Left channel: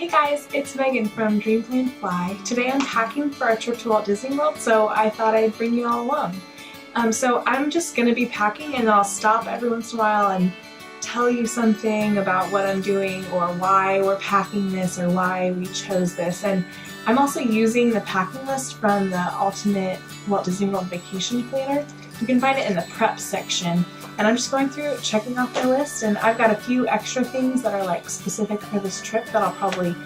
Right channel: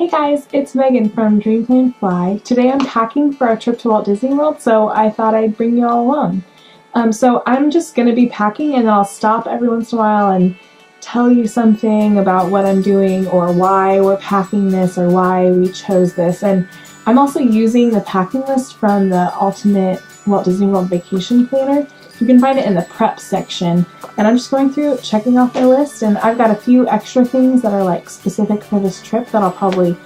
Hey guys, it's Megan from Dream Plan Fly. Today I'm packing for our trip to Walt Disney World, so I thought I'd bring you all along. So I'm just going to be packing, and I'll stop every once in a while and tell you something about what I'm doing or why we're packing this or why we chose this. And I'm also using the packing list from the Ultimate Walt Disney World Vacation Planner. You can find it in the prep section. And I'm just going through checking off my list, and I've got a few extra things that are like specific for this trip that I'll probably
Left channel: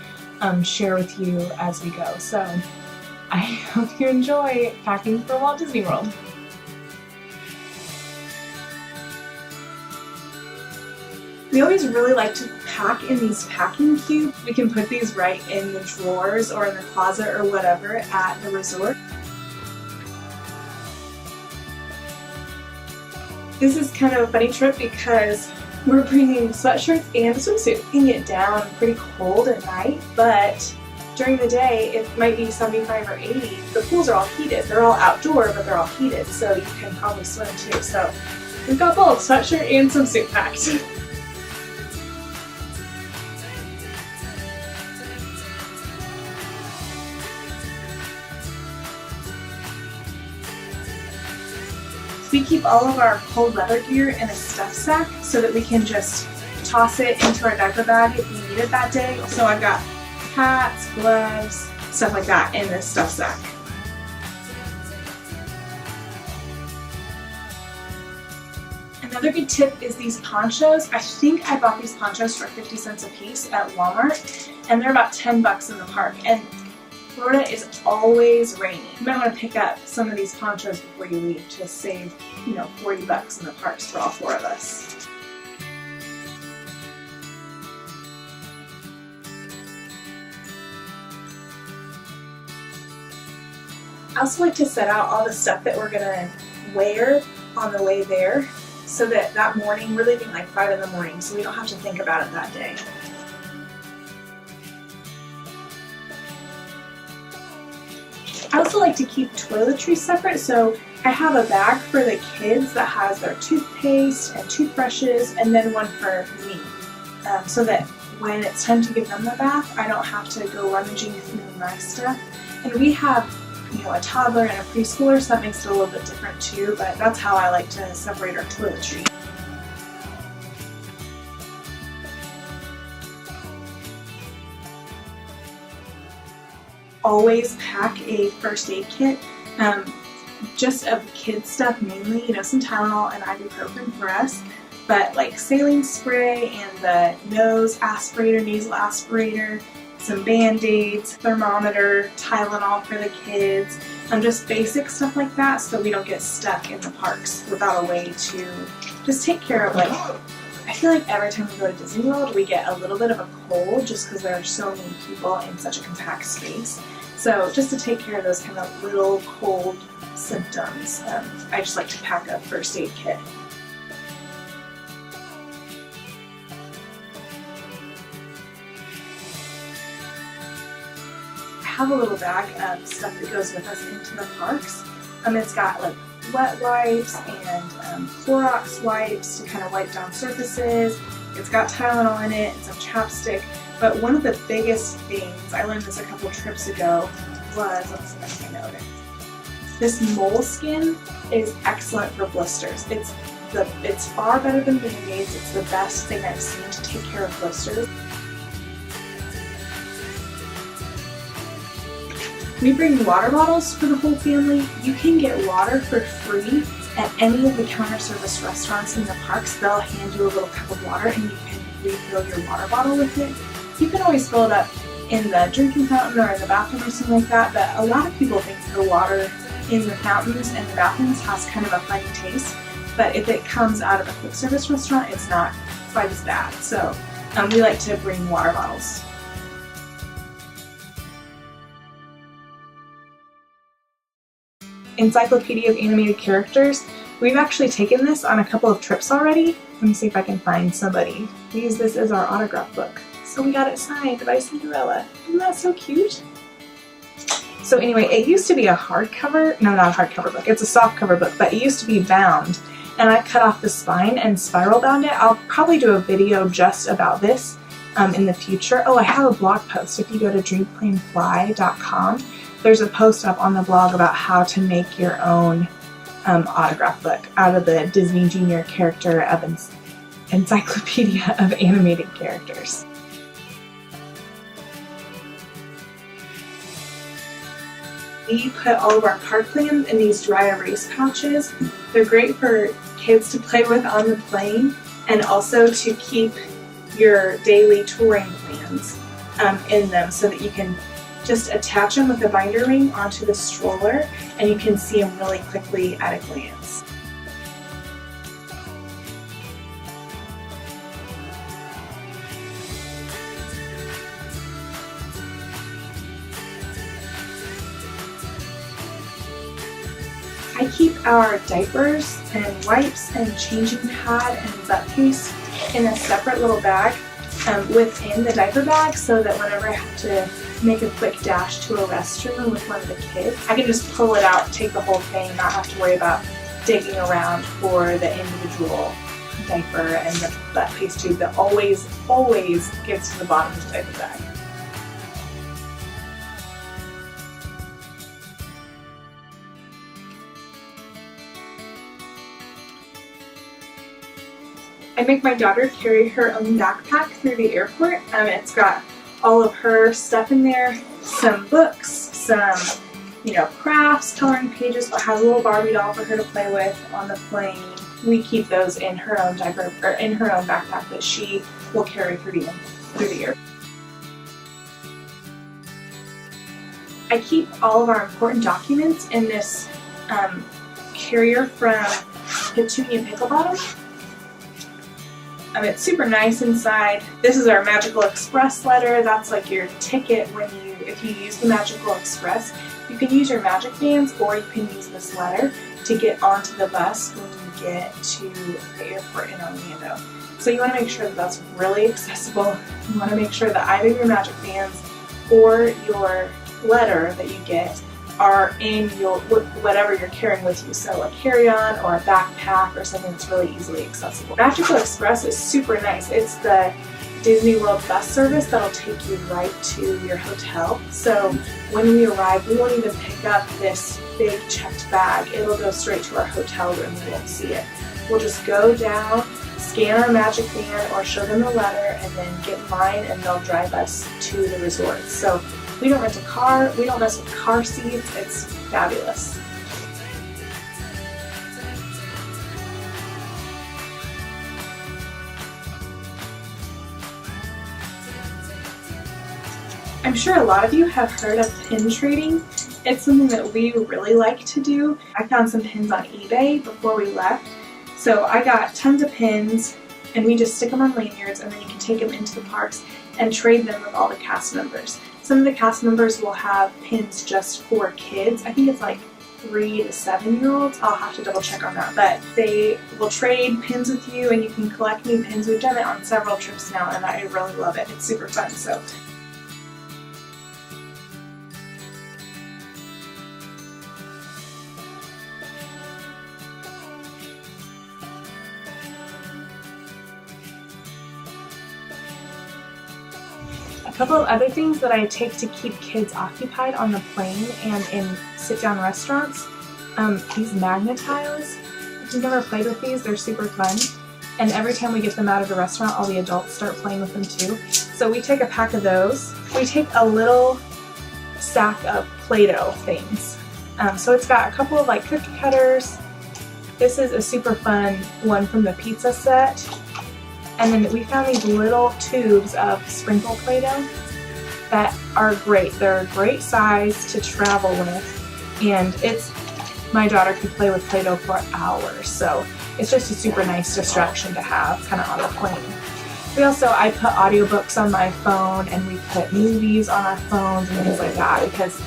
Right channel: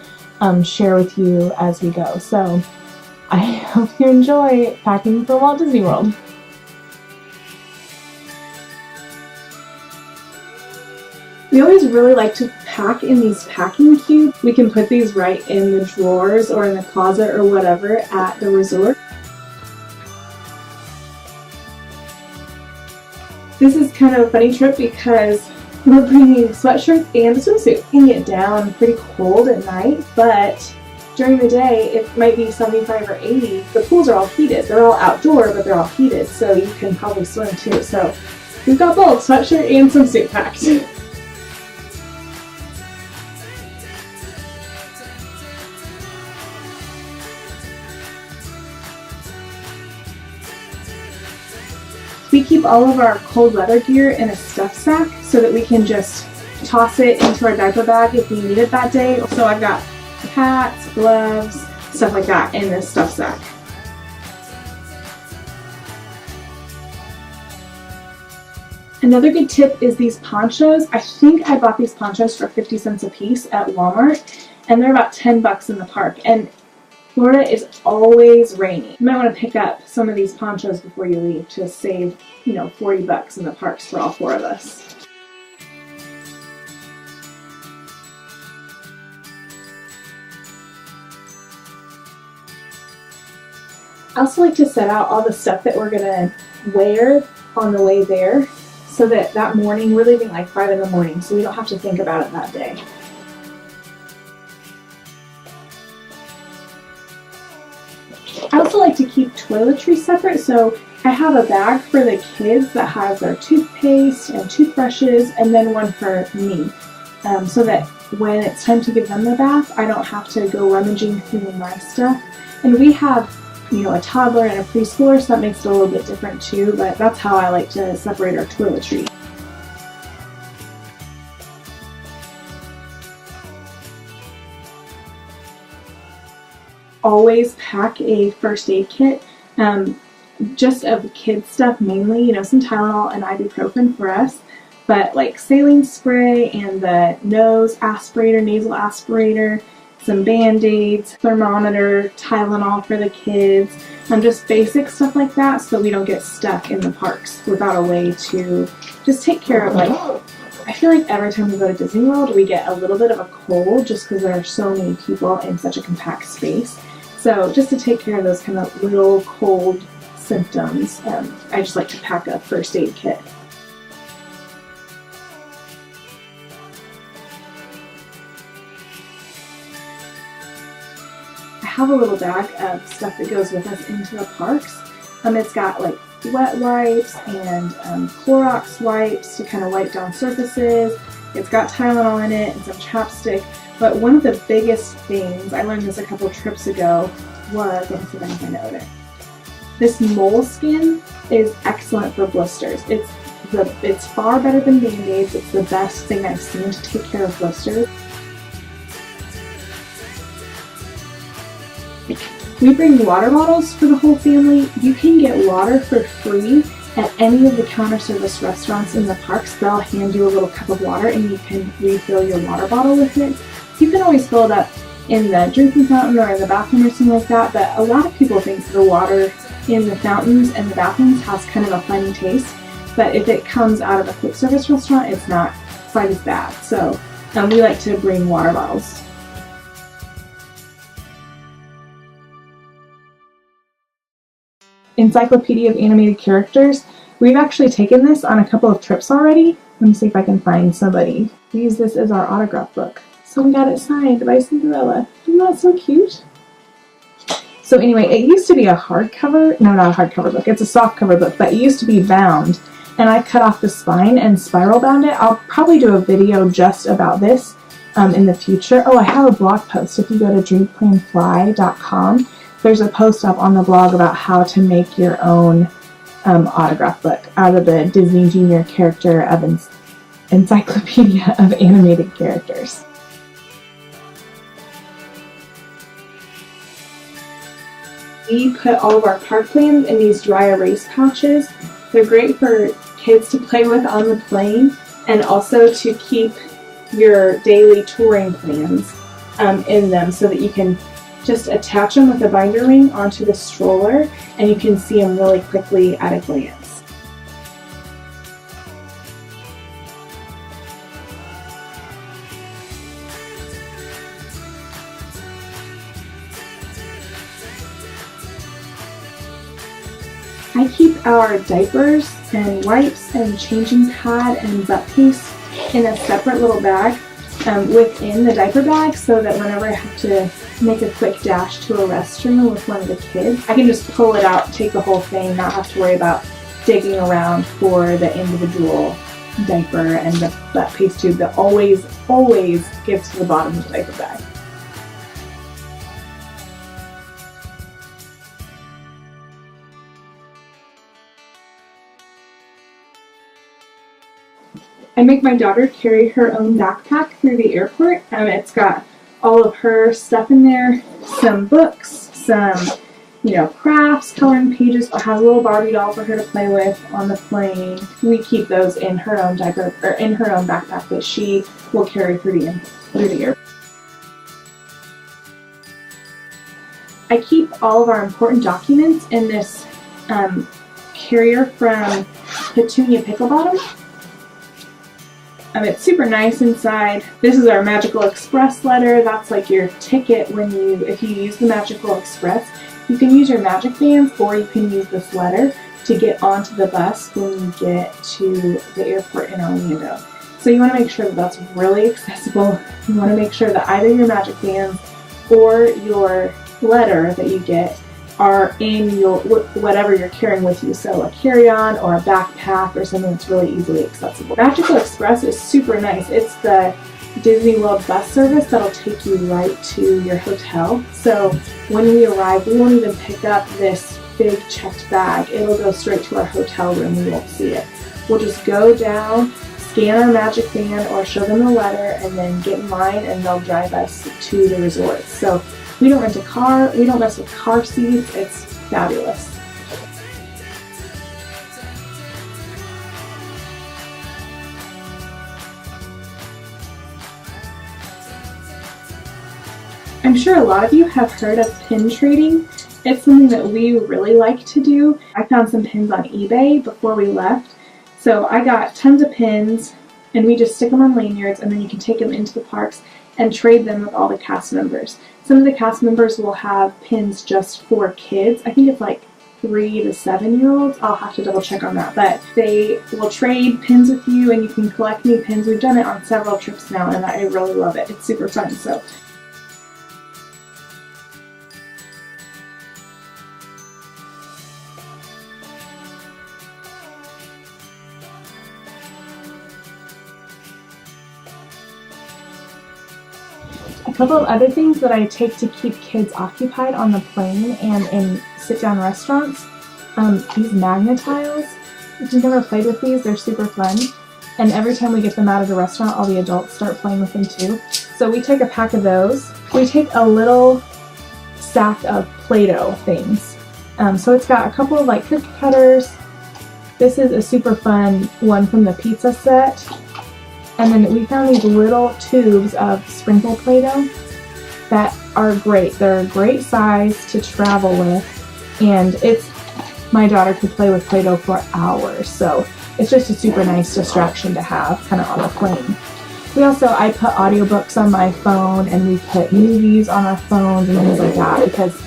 share with you as we go. So I hope you enjoy packing for Walt Disney World. We always really like to pack in these packing cubes. We can put these right in the drawers or in the closet or whatever at the resort. This is kind of a funny trip because we're bringing sweatshirts and a swimsuit. It can get down pretty cold at night, but during the day it might be 75 or 80. The pools are all heated. They're all outdoor, but they're all heated, so you can probably swim too. So we've got both sweatshirt and swimsuit packed. We keep all of our cold weather gear in a stuff sack so that we can just toss it into our diaper bag if we need it that day. So I've got hats, gloves, stuff like that in this stuff sack. Another good tip is these ponchos. I think I bought these ponchos for 50 cents a piece at Walmart, and they're about 10 bucks in the park. And Florida is always rainy. You might want to pick up some of these ponchos before you leave to save, 40 bucks in the parks for all four of us. I also like to set out all the stuff that we're gonna wear on the way there so that morning, we're leaving like 5 in the morning, so we don't have to think about it that day. I also like to keep toiletries separate, so I have a bag for the kids that has their toothpaste and toothbrushes, and then one for me, so that when it's time to give them the bath, I don't have to go rummaging through my stuff. And we have, a toddler and a preschooler, so that makes it a little bit different too, but that's how I like to separate our toiletries. Always pack a first aid kit, just of kid stuff mainly, some Tylenol and ibuprofen for us, but like saline spray and the nose aspirator, nasal aspirator, some Band-Aids, thermometer, Tylenol for the kids, just basic stuff like that so we don't get stuck in the parks without a way to just take care of I feel like every time we go to Disney World we get a little bit of a cold just because there are so many people in such a compact space. So just to take care of those kind of little cold symptoms, I just like to pack a first aid kit. I have a little bag of stuff that goes with us into the parks. It's got like wet wipes and Clorox wipes to kind of wipe down surfaces. It's got Tylenol in it and some chapstick. But one of the biggest things, I learned this a couple trips ago, was, let me see if I can find out it. This moleskin is excellent for blisters. It's far better than Band-Aids. It's the best thing I've seen to take care of blisters. We bring water bottles for the whole family. You can get water for free at any of the counter service restaurants in the parks. They'll hand you a little cup of water and you can refill your water bottle with it. You can always fill it up in the drinking fountain or in the bathroom or something like that, but a lot of people think the water in the fountains and the bathrooms has kind of a funny taste, but if it comes out of a quick service restaurant, it's not quite as bad. So we like to bring water bottles. Encyclopedia of Animated Characters. We've actually taken this on a couple of trips already. Let me see if I can find somebody. We use this as our autograph book. So we got it signed by Cinderella. Isn't that so cute? So anyway, it used to be a hardcover, no, not a hardcover book, it's a softcover book, but it used to be bound, and I cut off the spine and spiral bound it. I'll probably do a video just about this in the future. Oh, I have a blog post. If you go to dreamplanfly.com, there's a post up on the blog about how to make your own autograph book out of the Disney Junior Character Encyclopedia of Animated Characters. We put all of our park plans in these dry erase pouches. They're great for kids to play with on the plane, and also to keep your daily touring plans in them, so that you can just attach them with a binder ring onto the stroller and you can see them really quickly at a glance. I keep our diapers and wipes and changing pad and butt paste in a separate little bag within the diaper bag, so that whenever I have to make a quick dash to a restroom with one of the kids, I can just pull it out, take the whole thing, not have to worry about digging around for the individual diaper and the butt paste tube that always gets to the bottom of the diaper bag. I make my daughter carry her own backpack through the airport. It's got all of her stuff in there, some books, some, crafts, coloring pages. It has a little Barbie doll for her to play with on the plane. We keep those in her own diaper, or in her own backpack that she will carry through the airport. I keep all of our important documents in this carrier from Petunia Picklebottom. It's super nice inside. This is our Magical Express letter. That's like your ticket if you use the Magical Express. You can use your magic bands, or you can use this letter to get onto the bus when you get to the airport in Orlando. So you want to make sure that that's really accessible. You want to make sure that either your magic bands or your letter that you get are in your whatever you're carrying with you, so a carry-on or a backpack or something that's really easily accessible. Magical Express is super nice. It's the Disney World bus service that'll take you right to your hotel. So when we arrive, we won't even pick up this big checked bag. It'll go straight to our hotel room. We won't see it. We'll just go down, scan our magic band or show them the letter, and then get in line, and they'll drive us to the resort. So we don't rent a car, we don't mess with car seats. It's fabulous. I'm sure a lot of you have heard of pin trading. It's something that we really like to do. I found some pins on eBay before we left. So I got tons of pins, and we just stick them on lanyards, and then you can take them into the parks and trade them with all the cast members. Some of the cast members will have pins just for kids. I think it's like 3 to 7-year-olds. I'll have to double check on that. But they will trade pins with you, and you can collect new pins. We've done it on several trips now, and I really love it. It's super fun. So a couple of other things that I take to keep kids occupied on the plane and in sit-down restaurants. These Magnetiles. If you've never played with these, they're super fun. And every time we get them out of the restaurant, all the adults start playing with them too. So we take a pack of those. We take a little stack of Play-Doh things. So it's got a couple of like cookie cutters. This is a super fun one from the pizza set. And then we found these little tubes of sprinkle Play-Doh that are great. They're a great size to travel with, and my daughter could play with Play-Doh for hours, so it's just a super nice distraction to have kind of on the plane. I put audiobooks on my phone, and we put movies on our phones and things like that, because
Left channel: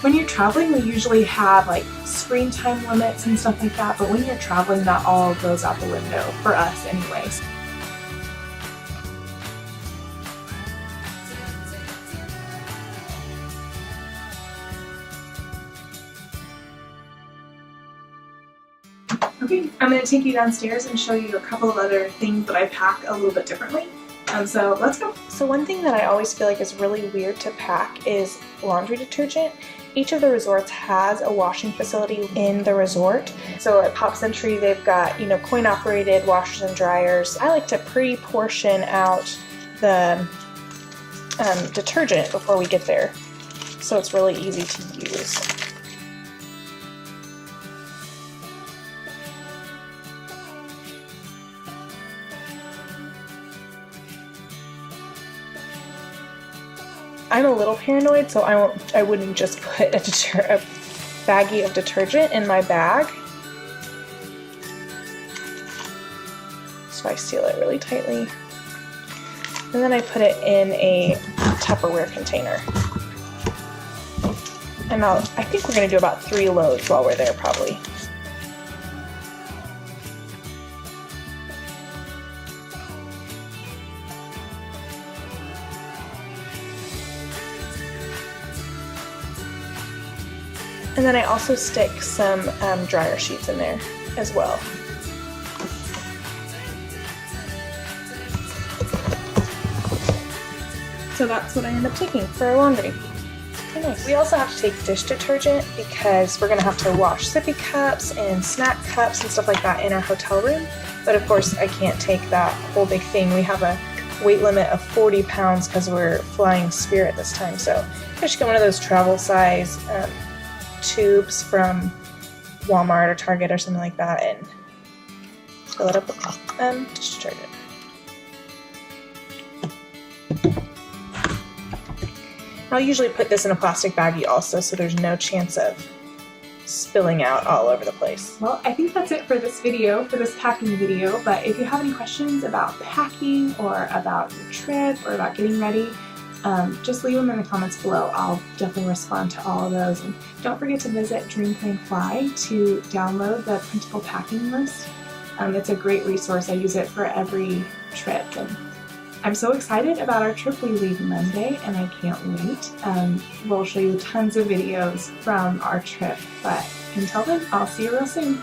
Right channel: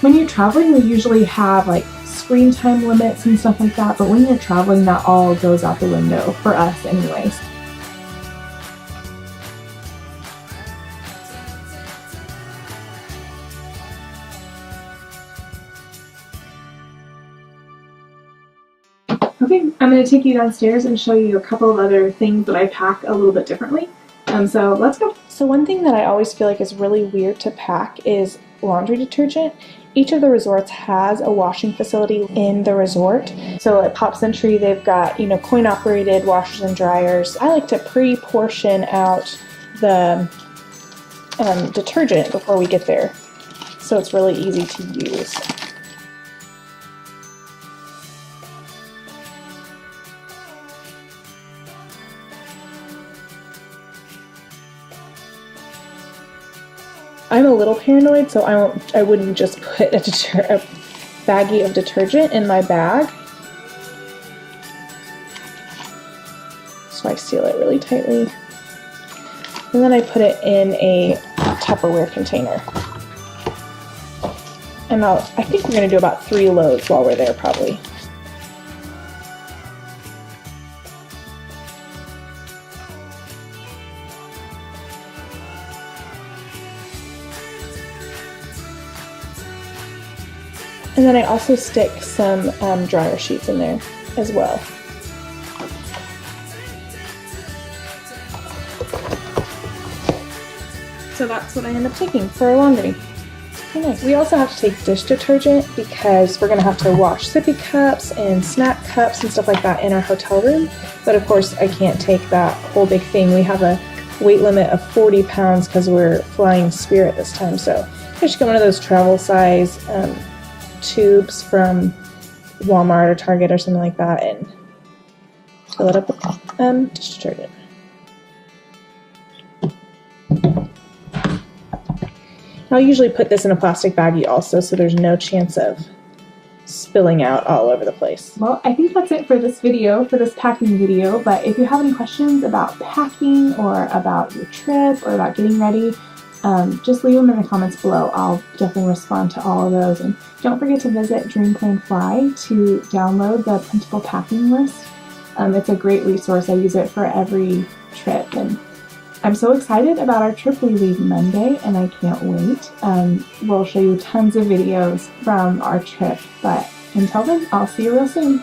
when you're traveling, we usually have like screen time limits and stuff like that, but when you're traveling, that all goes out the window for us anyways. Okay, I'm going to take you downstairs and show you a couple of other things that I pack a little bit differently. So let's go. So one thing that I always feel like is really weird to pack is laundry detergent. Each of the resorts has a washing facility in the resort. So at Pop Century, they've got, coin operated washers and dryers. I like to pre-portion out the detergent before we get there, so it's really easy to use. I'm a little paranoid, so I wouldn't just put a baggie of detergent in my bag. So I seal it really tightly. And then I put it in a Tupperware container. And I think we're gonna do about 3 loads while we're there probably. And then I also stick some dryer sheets in there as well. So that's what I end up taking for laundry. Okay, nice. We also have to take dish detergent because we're gonna have to wash sippy cups and snack cups and stuff like that in our hotel room. But of course I can't take that whole big thing. We have a weight limit of 40 pounds because we're flying Spirit this time. So I should get one of those travel size tubes from Walmart or Target or something like that and fill it up with dish detergent. I'll usually put this in a plastic baggie also, so there's no chance of spilling out all over the place. Well, I think that's it for this video, for this packing video, but if you have any questions about packing or about your trip or about getting ready, just leave them in the comments below. I'll definitely respond to all of those. And don't forget to visit Dream Plan Fly to download the printable packing list. It's a great resource. I use it for every trip. And I'm so excited about our trip. We leave Monday and I can't wait. We'll show you tons of videos from our trip. But until then, I'll see you real soon.